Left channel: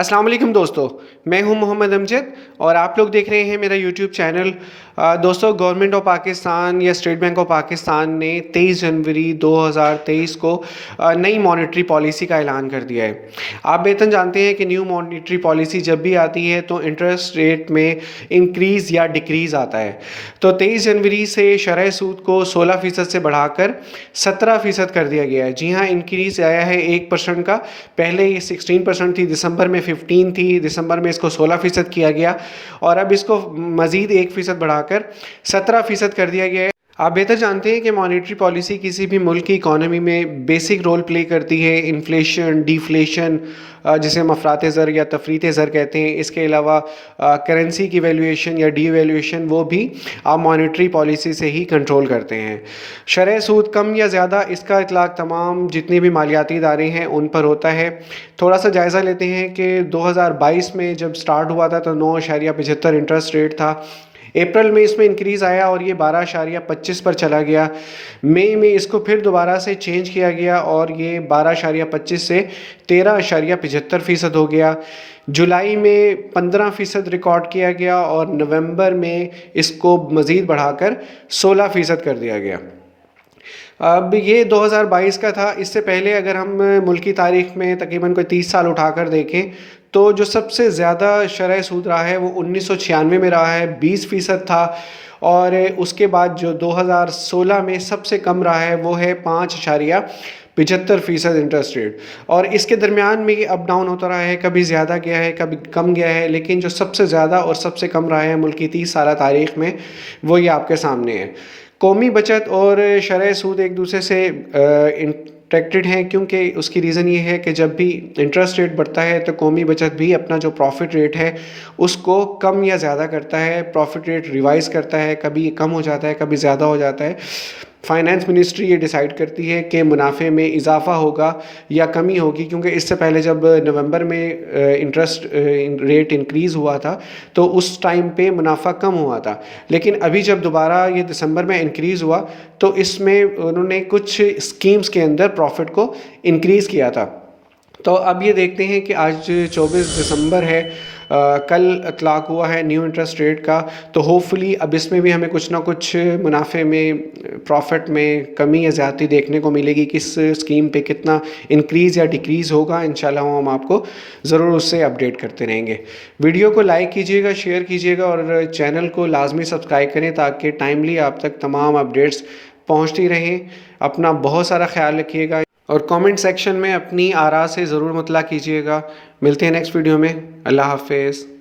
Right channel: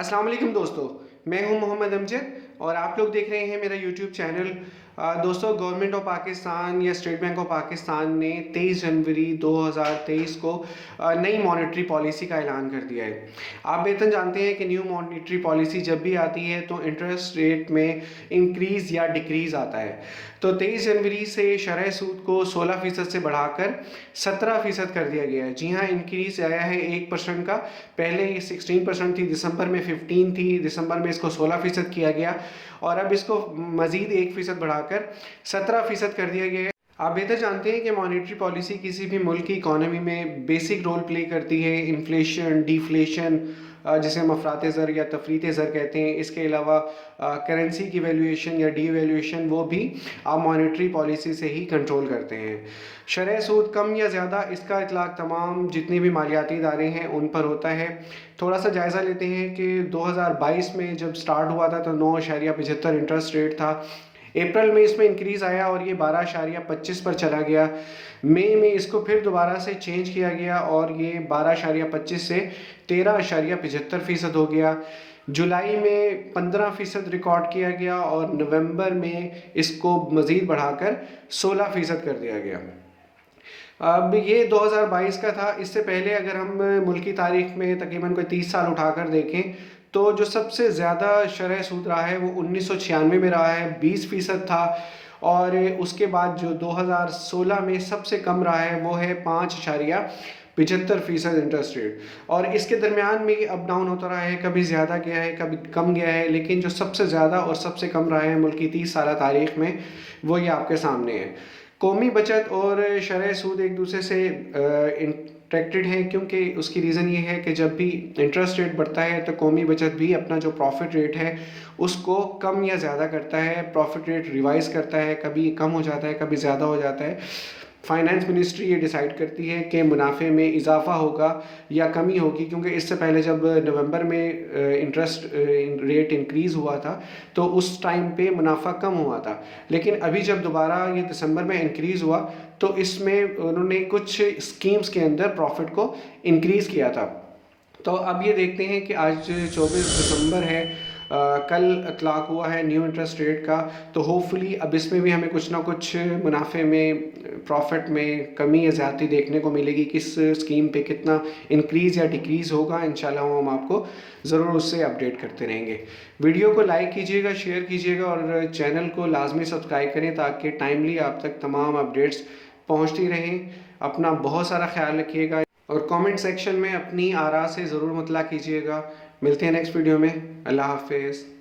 अस्सलाम वालेकुम दोस्तों, मैं हूं मोहम्मद अमजद और आप लोग देख रहे हैं मेरा यूट्यूब चैनल। दोस्तों, गवर्नमेंट ऑफ पाकिस्तान या स्टेट बैंक ऑफ पाकिस्तान ने 23 जनवरी 2023 को नई मॉनेटरी पॉलिसी का ऐलान कर दिया है। आप बेहतर जानते हैं कि न्यू मॉनेटरी पॉलिसी जब भी आती है तो इंटरेस्ट रेट में इंक्रीज़ या डिक्रीज़ आता है। तो 23 जनवरी से शरह सूद को 16% से बढ़ाकर 17% कर दिया गया है। जी हाँ, इंक्रीज़ आया है 1% का। पहले ये 16% थी, दिसंबर में 15 थी, दिसंबर में इसको 16% किया गया और अब इसको मज़ीद 1% बढ़ाकर 17% कर दिया गया है। आप बेहतर जानते हैं कि मॉनेटरी पॉलिसी किसी भी मुल्क की इकॉनमी में बेसिक रोल प्ले करती है। इन्फ्लेशन, डिफ्लेशन, जिसे हम अफरात ज़र या तफरीत ज़र कहते हैं, इसके अलावा करेंसी की वैल्यूएशन या डीवैल्यूएशन वो भी आप मॉनेटरी पॉलिसी से ही कंट्रोल करते हैं। शरह सूद कम या ज़्यादा, इसका इतलाक़ तमाम जितने भी मालियाती इदारे हैं उन पर होता है। थोड़ा सा जायज़ा लेते हैं कि 2022 में जब स्टार्ट हुआ था तो 9.75 इंटरेस्ट रेट था। अप्रैल में इसमें इंक्रीज़ आया और ये 12.25 पर चला गया। मई में इसको फिर दोबारा से चेंज किया गया और ये 12.25 से 13.75% हो गया। जुलाई में 15% रिकॉर्ड किया गया और नवंबर में इसको मज़ीद बढ़ाकर 16% कर दिया गया। अब ये 2022 का था। इससे पहले अगर हम मुल्क की तारीख़ में तकरीबन कोई 30 साल उठाकर देखें तो जो सबसे ज़्यादा शरह सूद रहा है वो 1996 में रहा है, 20% था। और उसके बाद जो 2016 में सबसे कम रहा है वो है 5.75% इंटरेस्ट रेट। और इसके दरमियान में ये अप डाउन होता रहा है, कभी ज़्यादा गया है, कभी कम गया है, लेकिन जो सबसे ज़्यादा और सबसे कम रहा है मुल्क की 30 साल तारीख़ में वो ये आपके सामने है। कौमी बचत और शरह सूद एक दूसरे से इंटरेक्टेड हैं, क्योंकि उसकी रीज़न ये है कि जब भी इंटरेस्ट रेट बढ़ता है तो कौमी बचत भी अपना जो प्रॉफिट रेट है उसको कम या ज़्यादा करता है। प्रॉफिट रेट रिवाइज करता है, कभी कम हो जाता है, कभी ज़्यादा हो जाता है। फाइनेंस मिनिस्ट्री ये डिसाइड करती है कि मुनाफे में इजाफ़ा होगा या कमी होगी, क्योंकि इससे पहले जब नवंबर में इंटरेस्ट रेट इंक्रीज़ हुआ था तो उस टाइम पे मुनाफा कम हुआ था। लेकिन अभी जब दोबारा ये दिसंबर में इंक्रीज़ हुआ तो इसमें उन्होंने कुछ स्कीम्स के अंदर प्रॉफिट को इंक्रीज़ किया था। तो अब ये देखते हैं कि आज 24 दिसंबर है, कल इतलाक़ हुआ है न्यू इंटरेस्ट रेट का। तो होपफुली अब इसमें भी हमें कुछ ना कुछ मुनाफे में, प्रॉफिट में कमी या ज़्यादती देखने को मिलेगी। किस स्कीम पे कितना इंक्रीज़ या डिक्रीज़ होगा, इंशाल्लाह हम आपको ज़रूर उससे अपडेट करते रहेंगे। वीडियो को लाइक कीजिएगा, शेयर कीजिएगा और चैनल को लाजमी सब्सक्राइब करें ताकि टाइमली आप तक तमाम अपडेट्स पहुँचती रहें। अपना बहुत सारा ख्याल रखिएगा और कमेंट सेक्शन में अपनी आरा से ज़रूर मतला कीजिएगा। मिलते हैं नेक्स्ट वीडियो में। अल्लाह हाफ़िज़।